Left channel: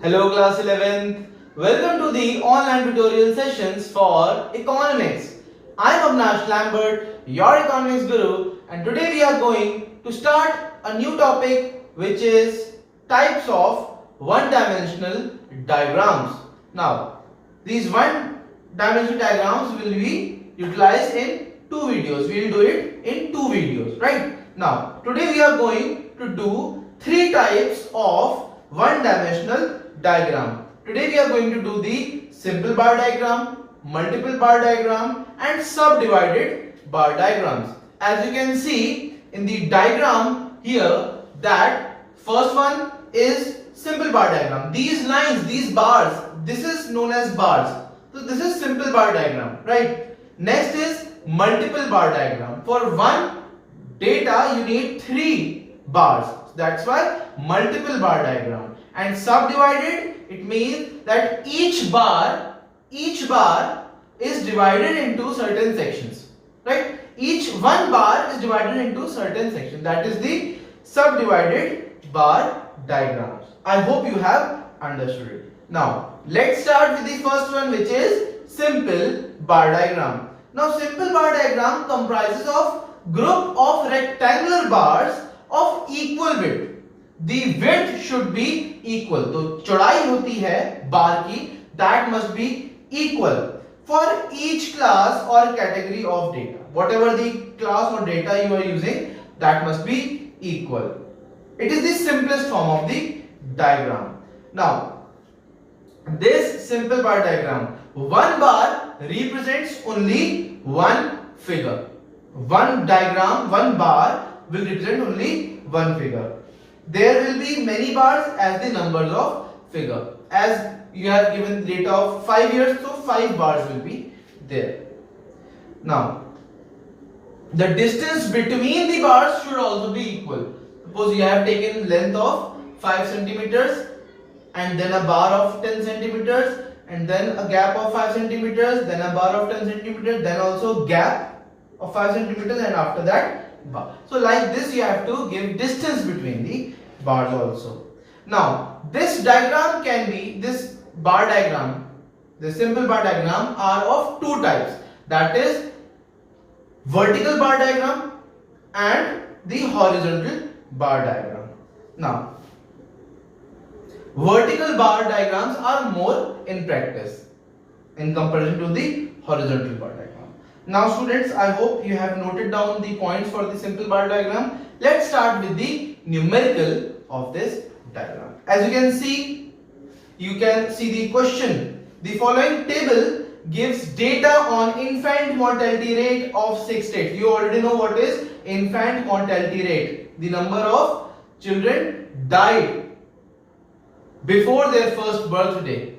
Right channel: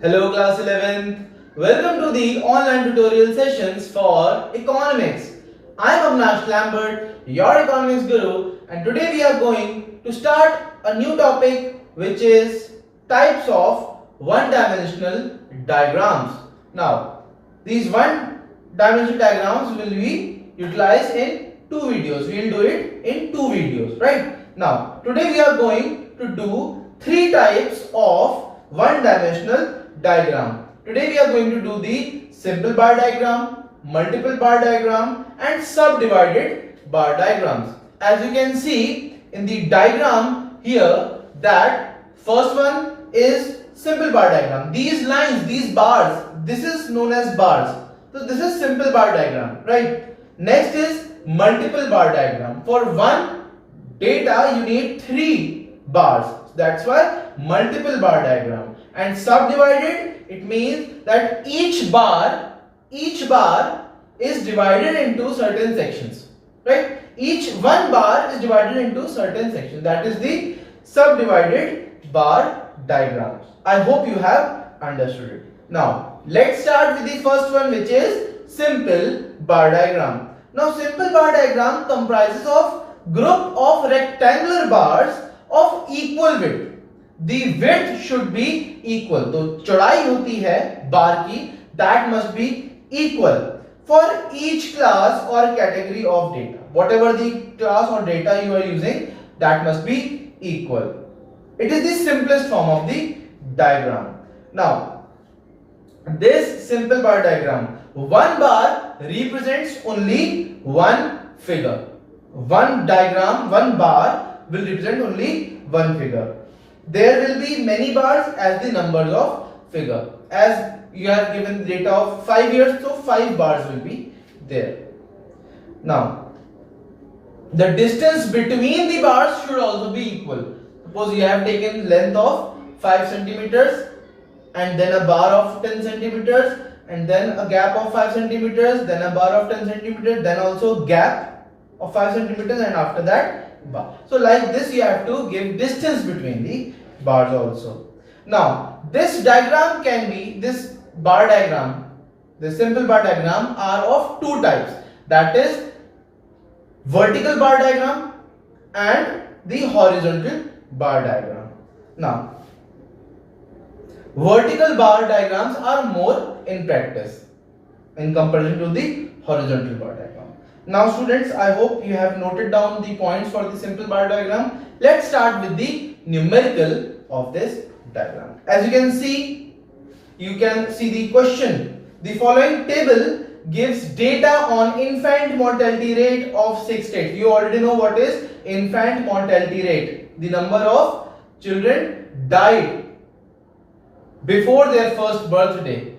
Hello class 11th. Welcome to the online tutorial sessions for economics. I am Avnash Lambert, your economics guru, and today we are going to start a new topic which is types of one-dimensional diagrams. Now, these one-dimensional diagrams will be utilized in two videos. We will do it in two videos, right? Now, today we are going to do three types of one-dimensional diagram. Today we are going to do the simple bar diagram, multiple bar diagram and subdivided bar diagrams. As you can see in the diagram here, that first one is simple bar diagram. These lines, these bars, this is known as bars. So this is simple bar diagram, right? Next is multiple bar diagram. For one data you need three bars. That's why multiple bar diagram. And subdivided, it means that each bar is divided into certain sections, right? Each one bar is divided into certain sections. That is the subdivided bar diagrams. I hope you have understood it. Now let's start with the first one, which is simple bar diagram. Now simple bar diagram comprises of group of rectangular bars of equal width. The width should be equal. तो चौड़ाई होती है बार की, that must be equal for each class or category of data. Whatever the class or data you are using, that must be equal. It is the simplest form of the diagram. Now, this simple bar diagram, one bar represents only one figure. One diagram, one bar will represent only one figure. There will be many bars as the numbers of figure. As you have given data of 5 years, so 5 bars will be there. Now, the distance between the bars should also be equal. Suppose you have taken length of 5 centimeters and then a bar of 10 centimeters and then a gap of 5 centimeters, then a bar of 10 centimeters, then also gap of 5 centimeters and after that bar. So like this you have to give distance between the bars also. Now this diagram can be, this bar diagram, the simple bar diagram are of two types, that is vertical bar diagram and the horizontal bar diagram. Now vertical bar diagrams are more in practice in comparison to the horizontal bar diagram. Now students, I hope you have noted down the points for the simple bar diagram. Let's start with the numerical of this diagram. As you can see the question. The following table gives data on infant mortality rate of 6 states. You already know what is infant mortality rate. The number of children died before their first birthday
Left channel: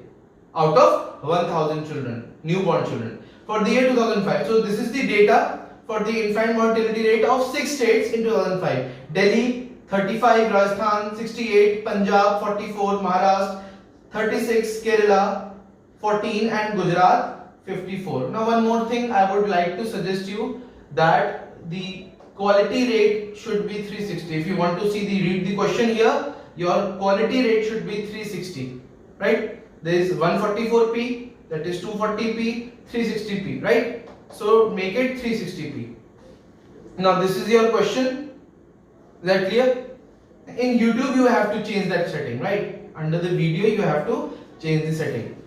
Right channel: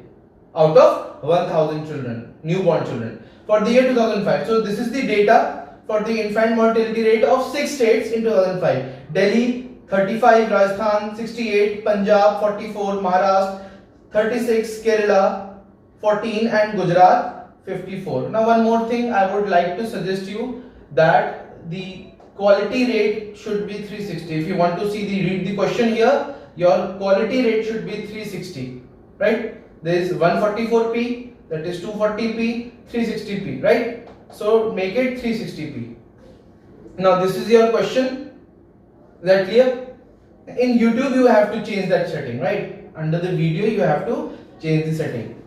out of 1000 children, newborn children, for the year 2005. So this is the data for the infant mortality rate of 6 states in 2005. Delhi 35, Rajasthan 68, Punjab 44, Maharashtra 36, Kerala 14 and Gujarat 54. Now one more thing I would like to suggest you, that the quality rate should be 360. If you want to see read the question here, your quality rate should be 360, right? There is 144p, that is 240p, 360p, right? So make it 360p. Now this is your question. Is that clear? In YouTube you have to change that setting, right? Under the video you have to change the setting.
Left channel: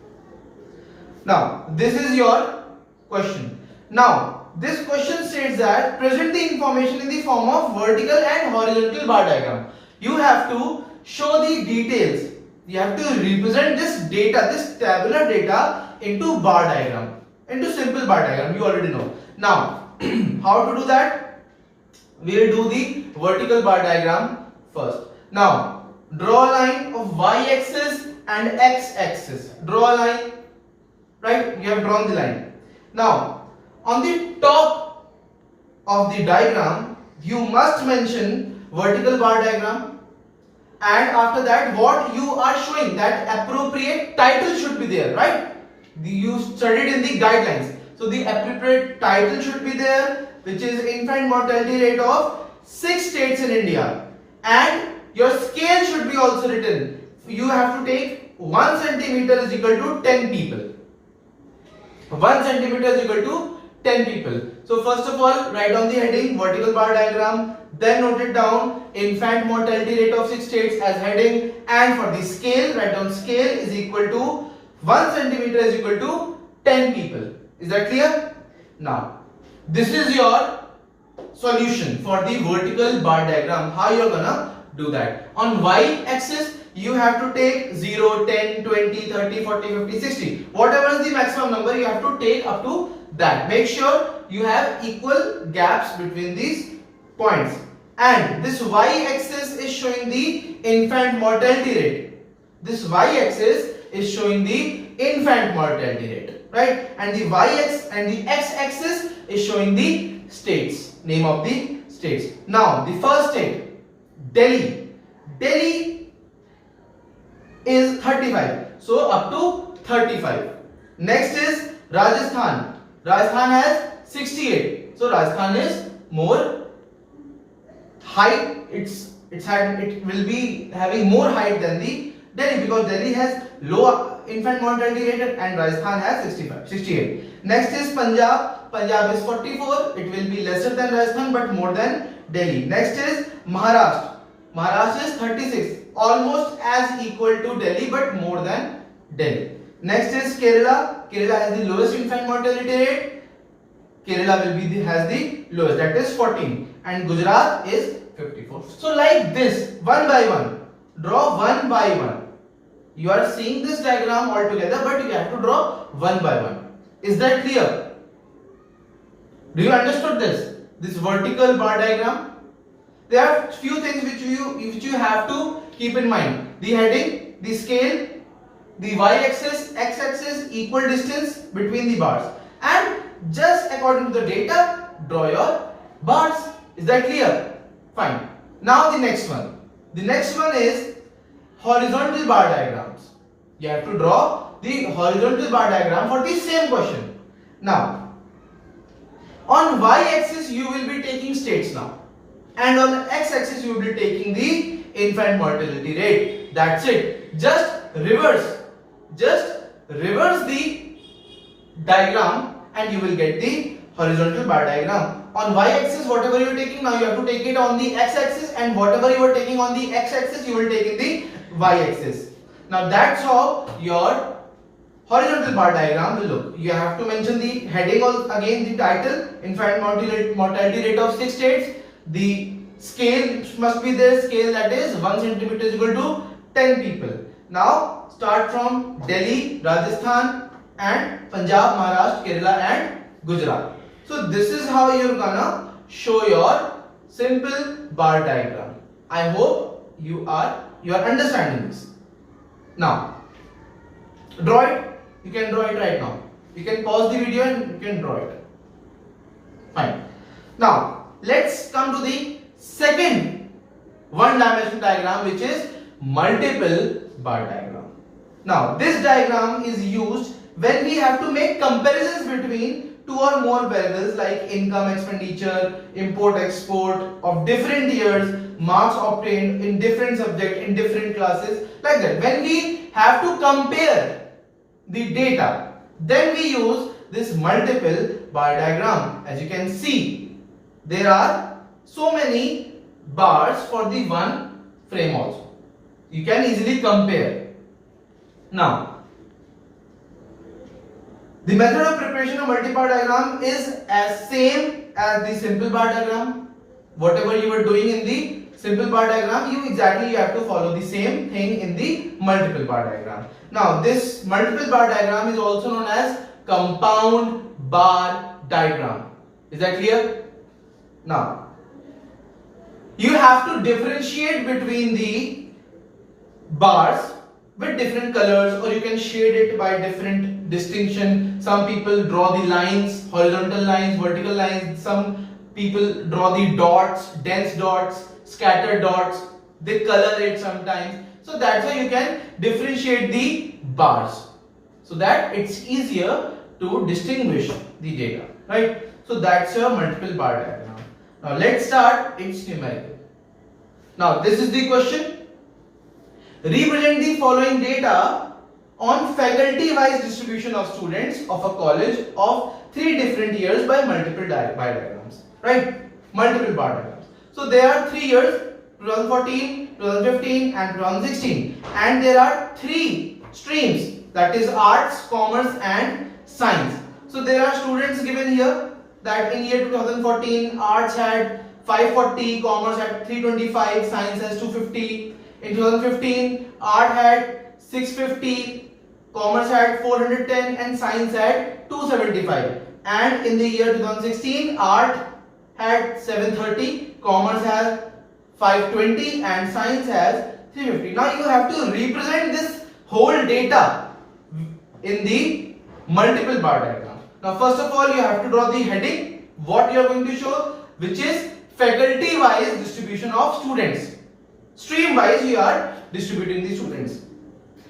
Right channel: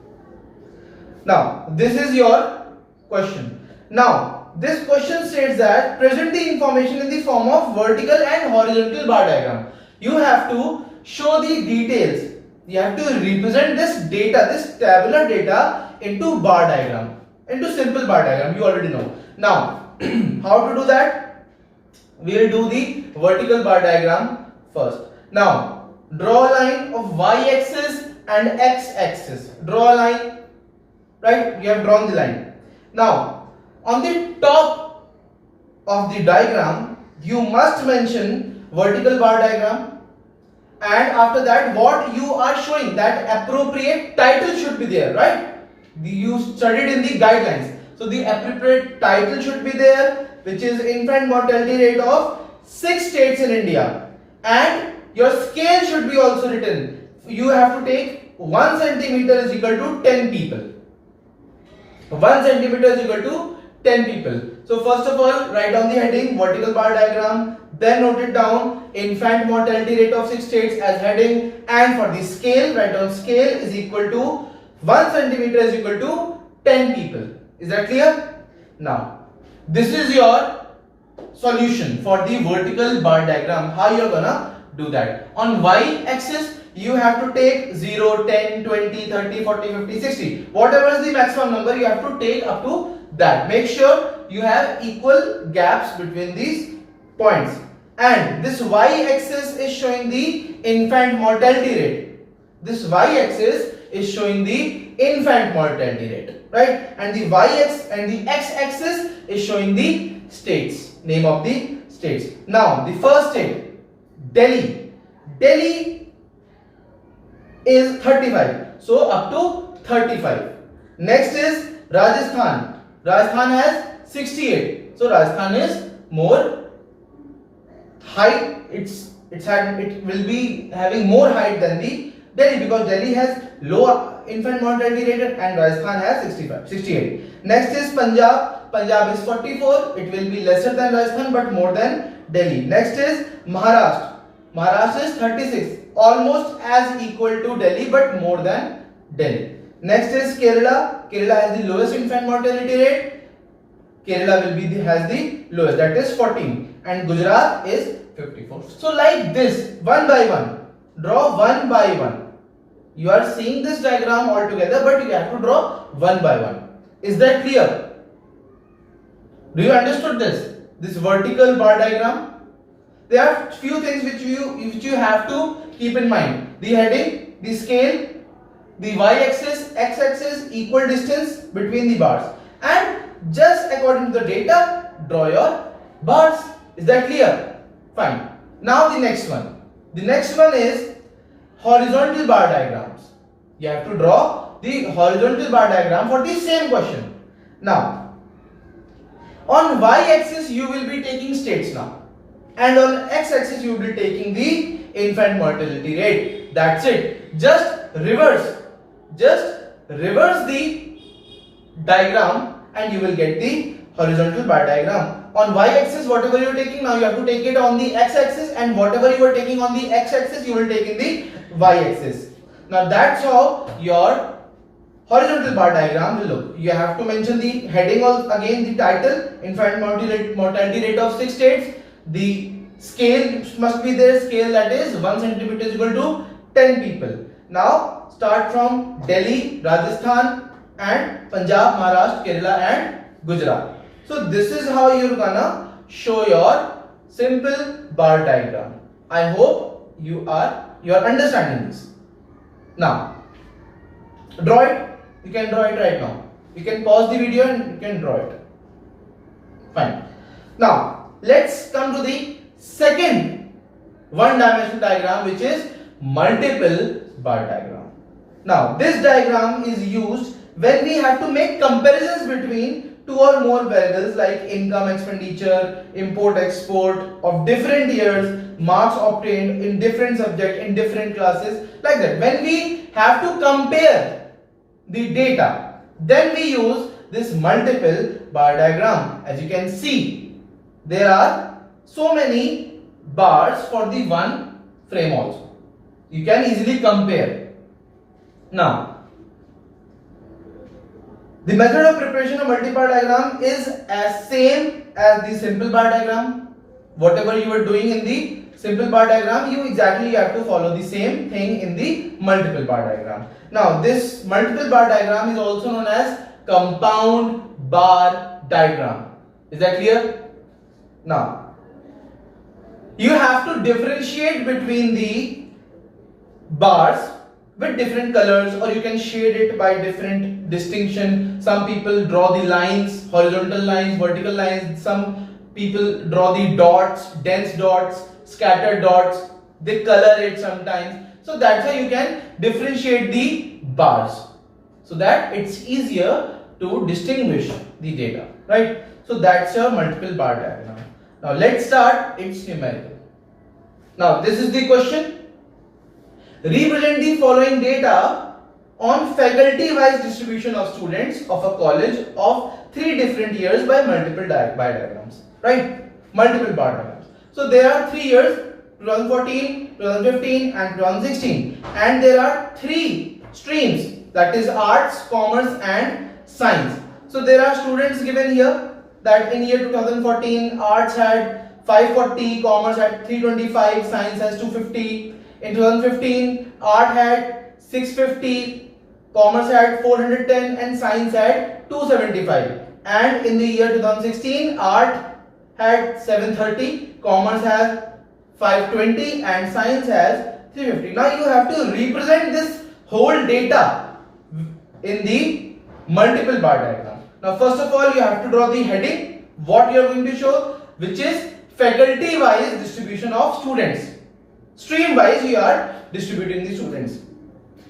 Now this is your question. Now this question states that present the information in the form of vertical and horizontal bar diagram. You have to show the details. You have to represent this data, this tabular data into bar diagram, into simple bar diagram. You already know. Now how to do that? We will do the vertical bar diagram first. Now draw a line of y-axis and x-axis. Draw a line, right? We have drawn the line. Now on the top of the diagram you must mention vertical bar diagram, and after that what you are showing, that appropriate title should be there, right? You studied in the guidelines, so the appropriate title should be there, which is infant mortality rate of 6 states in India, and your scale should be also written. You have to take 1 centimeter is equal to 10 people. 1 centimeter is equal to 10 people. So first of all, write down the heading, vertical bar diagram, then note it down, infant mortality rate of 6 states as heading, and for the scale, write down scale is equal to 1 centimeter is equal to 10 people. Is that clear? Now, this is your solution for the vertical bar diagram. How you're gonna do that? On y axis, you have to take 0, 10, 20, 30, 40, 50, 60. Whatever is the maximum number, you have to take up to that. Make sure you have equal gaps between these points. And this y-axis is showing the infant mortality rate. This y-axis is showing the infant mortality rate, right? And the y-axis and the x-axis is showing the states, name of the states. Now, the first state, Delhi. Delhi is 35. So up to 35. Next is Rajasthan. Rajasthan has 68. So Rajasthan is more height. It will be having more height than the Delhi, because Delhi has low infant mortality rate and Rajasthan has 68. Next is Punjab. Punjab is 44. It will be lesser than Rajasthan but more than Delhi. Next is Maharashtra. Maharashtra is 36. Almost as equal to Delhi but more than Delhi. Next is Kerala. Kerala has the lowest infant mortality rate. Kerala has the lowest, that is 14, and Gujarat is 54. So like this, one by one, draw one by one. You are seeing this diagram all together, but you have to draw one by one. Is that clear? Do you understood this? This vertical bar diagram? There are few things which you have to keep in mind. The heading, the scale, the y-axis, x-axis, equal distance between the bars, and just according to the data, draw your bars. Is that clear? Fine. Now the next one. The next one is horizontal bar diagrams. You have to draw the horizontal bar diagram for the same question. Now, on y-axis you will be taking states now, and on x-axis you will be taking the infant mortality rate. That's it. Just reverse the diagram and you will get the horizontal bar diagram. On y-axis, whatever you are taking now, you have to take it on the x-axis, and whatever you are taking on the x-axis, you will take in the y-axis. Now that's how your horizontal bar diagram will look. You have to mention the heading again, the title, infant mortality rate of 6 states. The scale must be there, scale that is 1 centimeter is equal to 10 people. Now start from Delhi, Rajasthan, and Punjab, Maharashtra, Kerala, and Gujarat. So this is how you're gonna show your simple bar diagram. I hope you are understanding this. Now draw it. You can draw it right now. You can pause the video and you can draw it. Fine. Now let's come to the second one-dimensional diagram, which is multiple bar diagram. Now this diagram is used when we have to make comparisons between two or more variables like income, expenditure, import, export of different years, marks obtained in different subjects, in different classes, like that. When we have to compare the data, then we use this multiple bar diagram. As you can see, there are so many bars for the one frame also. You can easily compare. Now, the method of preparation of multi-bar diagram is as same as the simple bar diagram. Whatever you were doing in the simple bar diagram, you have to follow the same thing in the multiple bar diagram. Now, this multiple bar diagram is also known as compound bar diagram. Is that clear? Now, you have to differentiate between the bars with different colors, or you can shade it by different distinction. Some people draw the lines, horizontal lines, vertical lines. Some people draw the dots, dense dots, scattered dots. They color it sometimes. So that's how you can differentiate the bars, so that it's easier to distinguish the data, right? So that's your multiple bar diagram. Now let's start its numerical. Now this is the question. Represent the following data on faculty-wise distribution of students of a college of 3 different years by multiple bar diagrams, right? Multiple bar diagrams. So there are 3 years, 2014, 2015 and 2016, and there are 3 streams, that is arts, commerce and science. So there are students given here that in year 2014 arts had 540, commerce had 325, science has 250. In 2015 art had 650, commerce had 410 and science had 275. And in the year 2016 art had 730, commerce has 520 and science has 350. Now you have to represent this whole data in the multiple bar diagram. Now first of all you have to draw the heading, what you are going to show, which is faculty wise distribution of students. Stream wise you are distributing the students.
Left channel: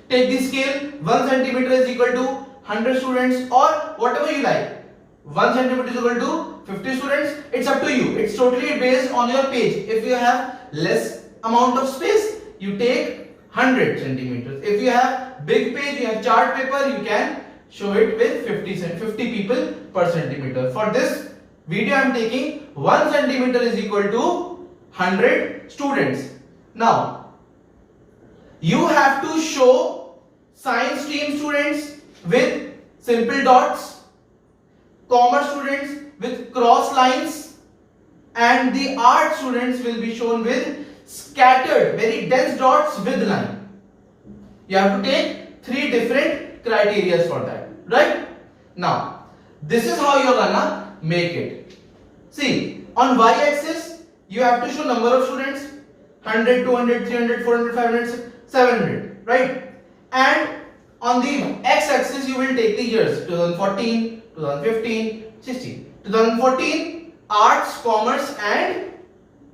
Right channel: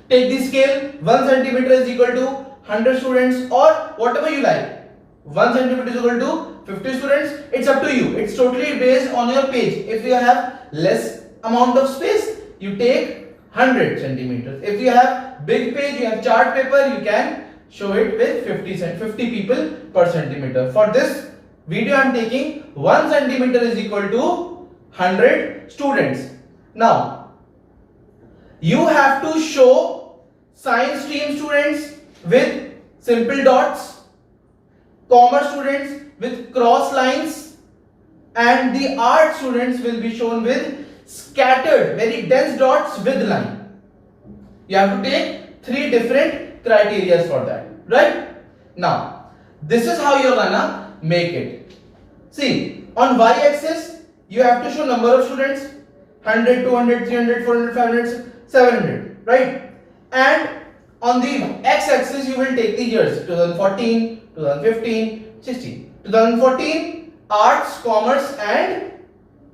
Take the scale, 1 centimeter is equal to 100 students or whatever you like. 1 centimeter is equal to 50 students. It's up to you. It's totally based on your page. If you have less amount of space, you take 100 centimeters. If you have big page, you have chart paper, you can show it with 50 people per centimeter. For this video I am taking 1 centimeter is equal to 100 students. Now you have to show science stream students with simple dots, commerce students with cross lines, and the art students will be shown with scattered, very dense dots with line. You have to take 3 different criteria for that, right? Now this is how you're gonna make it. See, on y-axis you have to show number of students, 100, 200, 300, 400, 500, 700, right? And on the x-axis you will take the years, 2014, 2015, 16. 2014 arts, commerce and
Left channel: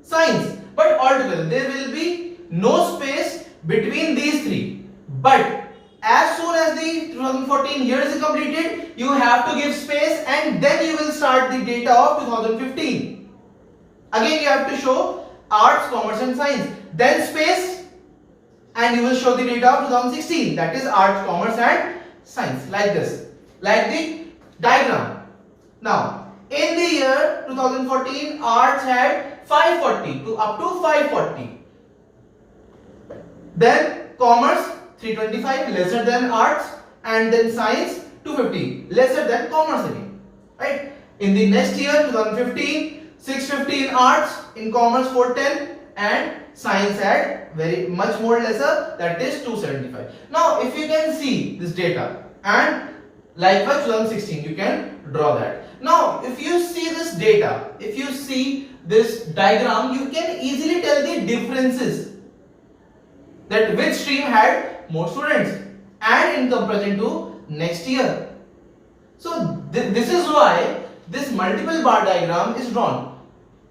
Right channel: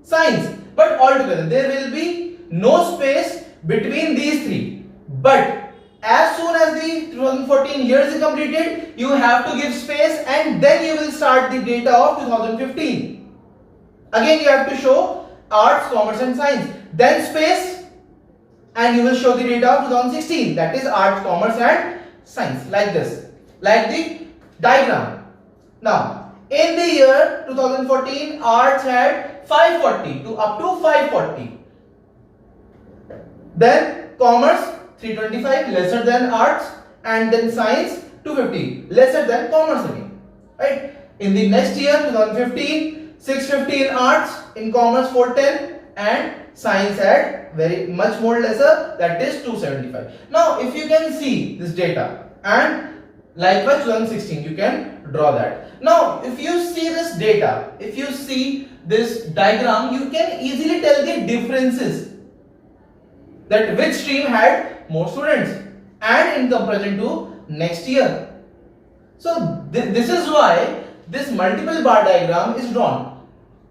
science, but altogether there will be no space between these 3. But as soon as the 2014 years is completed, you have to give space and then you will start the data of 2015. Again you have to show arts, commerce and science, then space, and you will show the data of 2016, that is arts, commerce and science, like this, like the diagram. Now in the year 2014 arts had 540 to up to 540, then commerce 325 lesser than arts, and then science 250 lesser than commerce again, right? In the next year 2015 650 in arts, in commerce 410 and science had very much more lesser, that is 275. Now if you can see this data, and likewise 2016 you can draw that. Now if you see this data, if you see this diagram, you can easily tell the differences, that which stream had more students and in comparison to next year. So this is why this multiple bar diagram is drawn.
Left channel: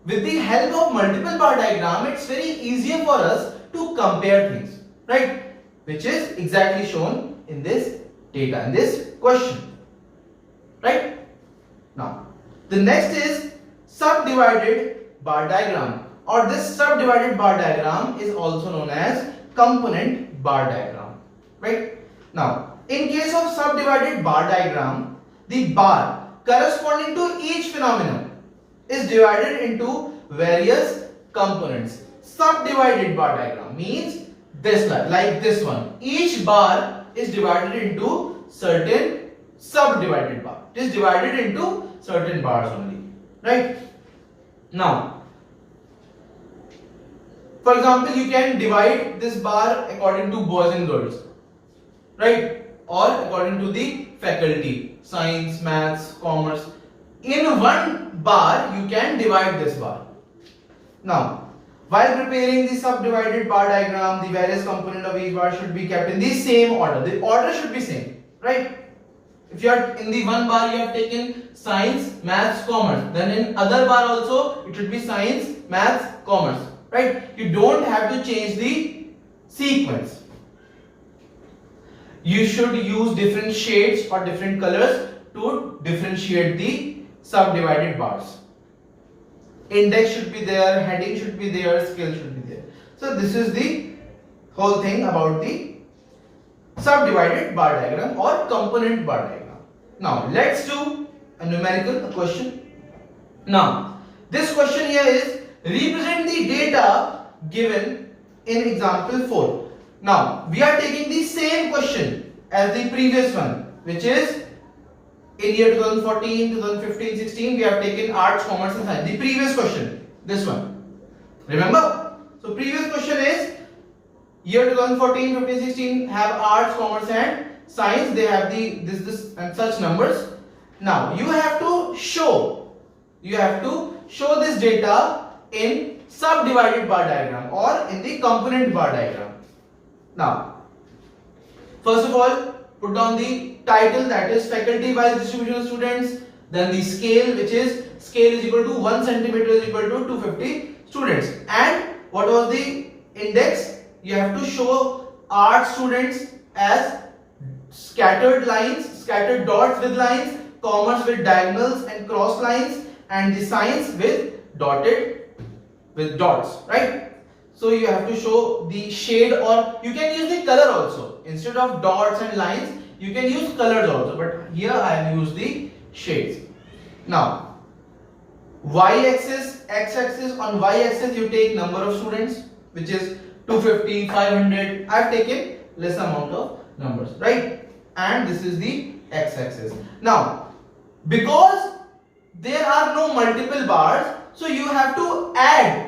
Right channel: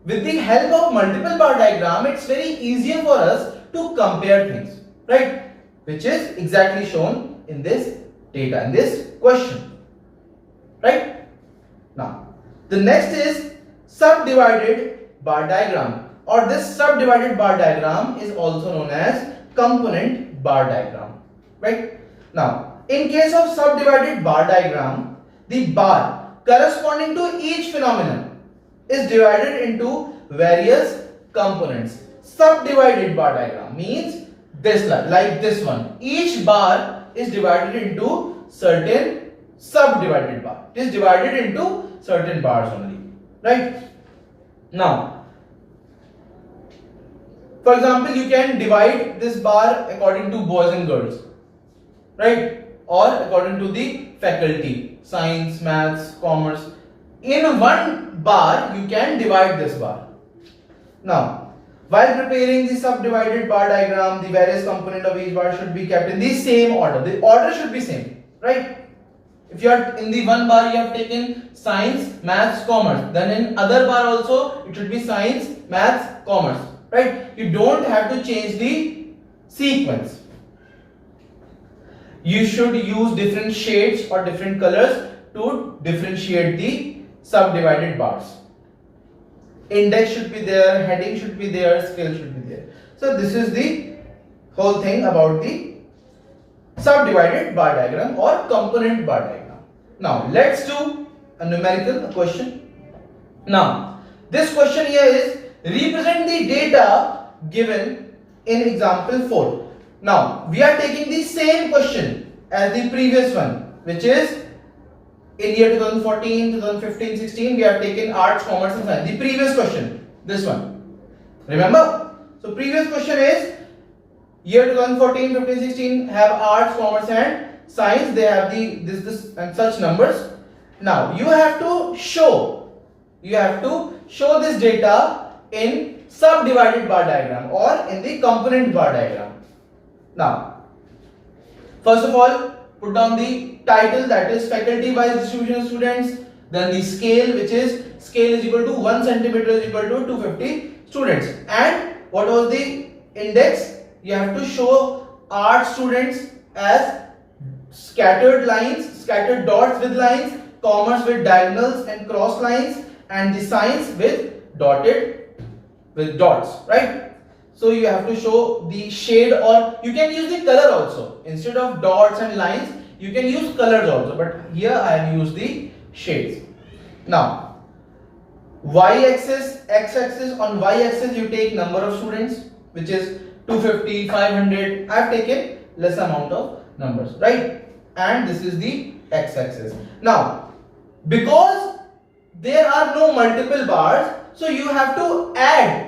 With the help of multiple bar diagram, it's very easier for us to compare things, right? Which is exactly shown in this data, in this question, right? Now the next is subdivided bar diagram, or this subdivided bar diagram is also known as component bar diagram, right? Now in case of subdivided bar diagram, the bar corresponding to each phenomenon is divided into various components. Subdivided bar diagram means this, like this one, each bar is divided into certain subdivided bar. It is divided into certain bars only, right? Now for example, you can divide this bar according to boys and girls, right? Or according to the faculty, science, maths, commerce. In one bar you can divide this bar. Now while preparing the subdivided bar diagram, the various component of each bar should be kept in the same order. The order should be same, right? If you are in the one bar you have taken science, maths, commerce, then in other bar also it should be science, maths, commerce, right? You don't have to change the sequence. You should use different shades or different colors to differentiate the subdivided bars. Index should be there, heading should be there, scale should be there. So this is the whole thing about the subdivided bar diagram or component bar diagram. Now let's do a numerical question. Now this question here is represent the data given in example 4. Now we are taking the same question as the previous one, which is in year 2014, 2015, 16 we have taken arts, commerce and science. The previous question, this one. Remember? So previous question is year 2014, 15, 16 have arts, commerce and science. They have the this and such numbers. Now you have to show this data in subdivided bar diagram or in the component bar diagram. Now first of all, put down the title, that is faculty wise distribution of students, then the scale, which is scale is equal to 1 centimeter is equal to 250 students, and what was the index? You have to show art students as scattered lines, scattered dots with lines, commerce with diagonals and cross lines, and the science with dots, right? So you have to show the shade, or you can use the color also. Instead of dots and lines, you can use colors also, but here I have used the shades. Now y-axis, x-axis, on y-axis you take number of students, which is 250, 500. I have taken less amount of numbers, right? And this is the x-axis. Now because there are no multiple bars, so you have to add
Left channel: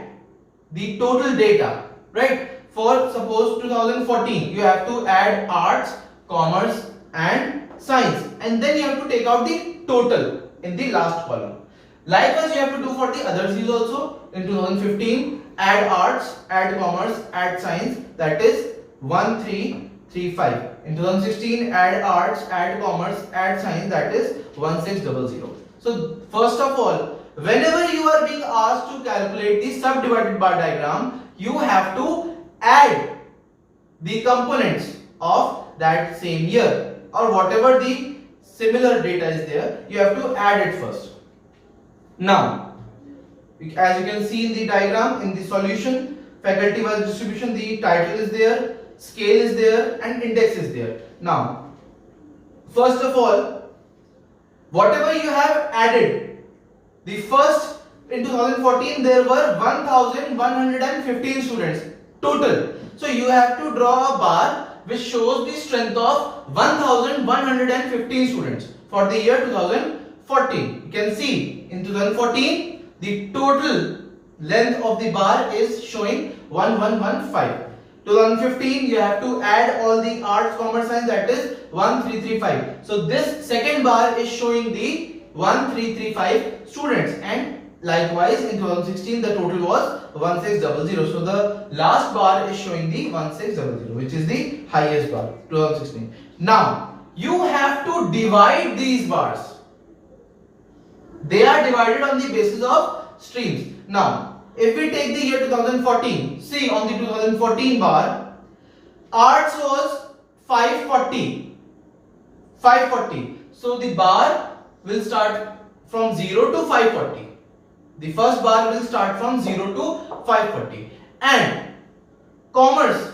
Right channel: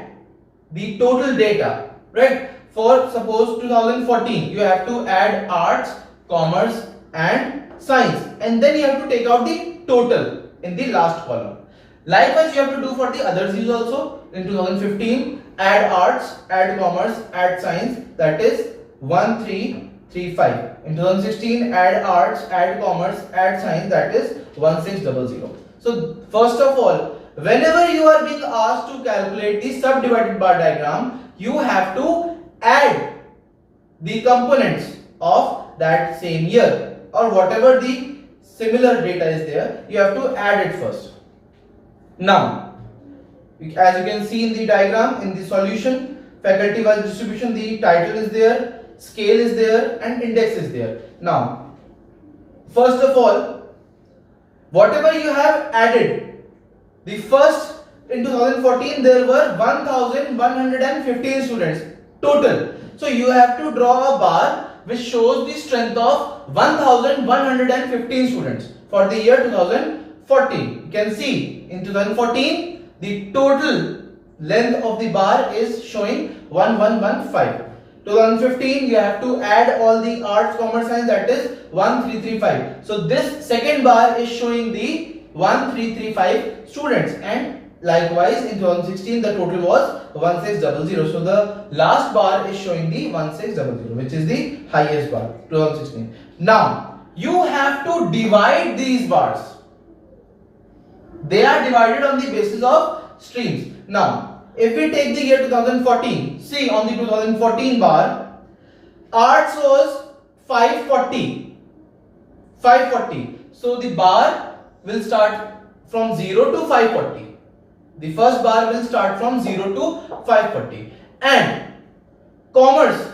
the total data, right? For suppose 2014, you have to add arts, commerce and science, and then you have to take out the total in the last column. Likewise you have to do for the other C's also. In 2015, add arts, add commerce, add science, that is 1335. In 2016, add arts, add commerce, add science, that is 1600. So first of all, whenever you are being asked to calculate the subdivided bar diagram, you have to add the components of that same year, or whatever the similar data is there, you have to add it first. Now, as you can see in the diagram, in the solution, faculty wise distribution, the title is there, scale is there and index is there. Now, first of all, whatever you have added, the first in 2014 there were 1115 students total. So you have to draw a bar which shows the strength of 1115 students for the year 2014. You can see in 2014 the total length of the bar is showing 1115. 2015 you have to add all the arts, commerce, science, that is 1335. So this second bar is showing the 1335 students, and likewise in 2016 the total was 1600. So the last bar is showing the 1600, which is the highest bar, 2016. Now you have to divide these bars. They are divided on the basis of streams. Now if we take the year 2014, see on the 2014 bar, arts was 540. So the bar will start from 0 to 540. The first bar will start from 0 to 540. And commerce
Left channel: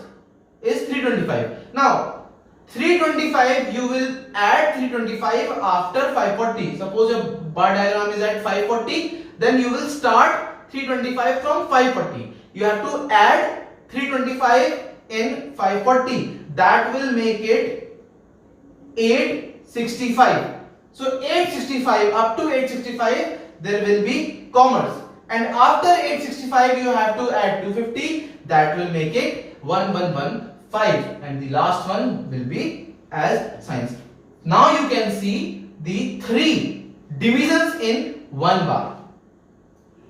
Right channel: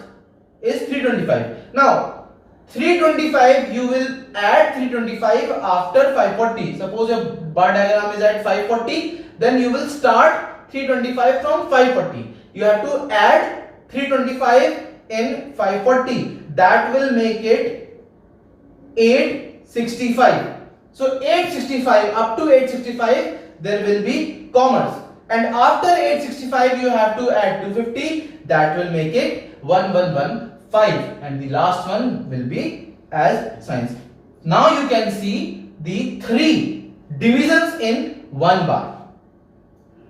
is 325. Now 325, you will add 325 after 540. Suppose your bar diagram is at 540, then you will start 325 from 540. You have to add 325 in 540. That will make it 865. So 865, up to 865 there will be commerce, and after 865 you have to add 250. That will make it 1115, and the last one will be as science. Now you can see the three divisions in one bar.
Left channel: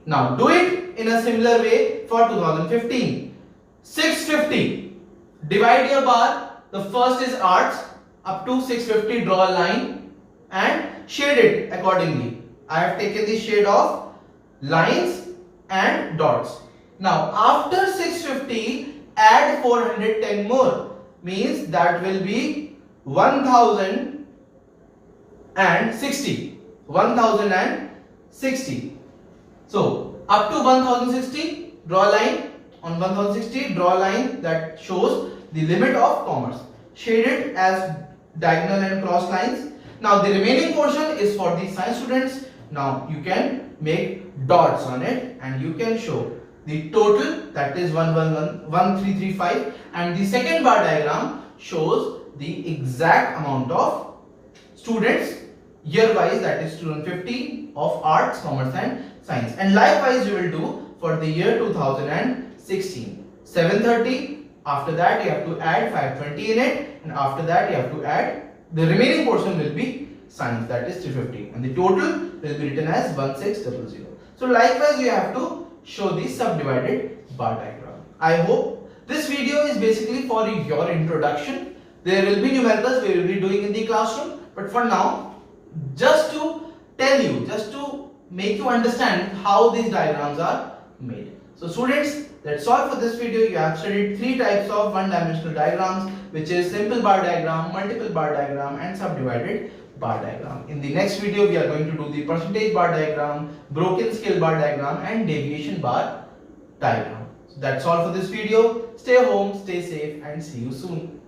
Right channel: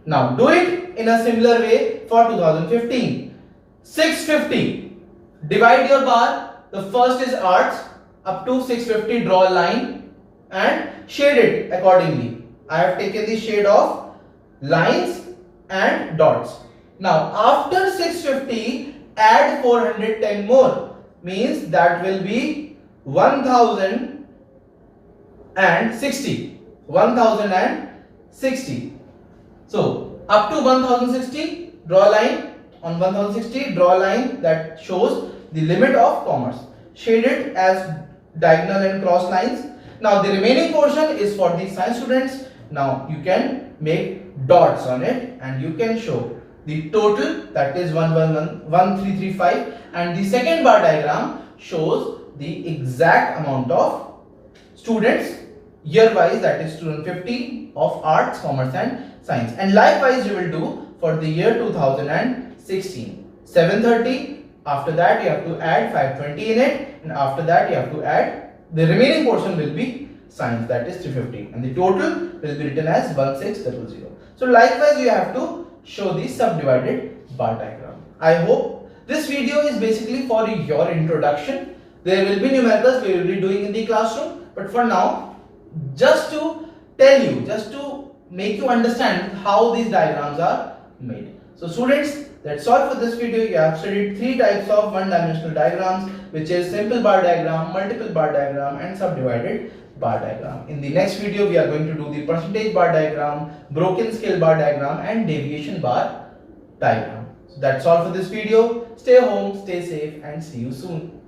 Now do it in a similar way for 2015. 650. Divide your bar. The first is arts. Up to 650, draw a line and shade it accordingly. I have taken the shade of lines and dots. Now after 650, add 410 more. Means that will be 1060. 1060. So up to 1060, draw a line. On 1060, draw a line that shows the limit of commerce. shaded as diagonal and cross lines. Now the remaining portion is for the science students. Now you can make dots on it and you can show the total, that is 1335, and the second bar diagram shows the exact amount of students year wise, that is student 15 of arts, commerce and science. And likewise you will do for the year 2016. 730, after that you have to add 520 in it, and after that you have to add the remaining portion will be science, that is 350, and the total will be written as 1600. So likewise you have to show the subdivided bar diagram. I hope this video is basically for your introduction. There will be numericals we will be doing in the classroom, but for now, just to tell you, just to make you understand how these diagrams are made. So students, that's all for this video. You have studied three types of one-dimensional diagrams, which is simple bar diagram, multiple bar diagram and subdivided bar diagram. In the next video, we are going to do the percentage bar diagram, broken scale bar diagram and deviation bar diagram. So that's all for this video. Stay home, stay safe and see you soon.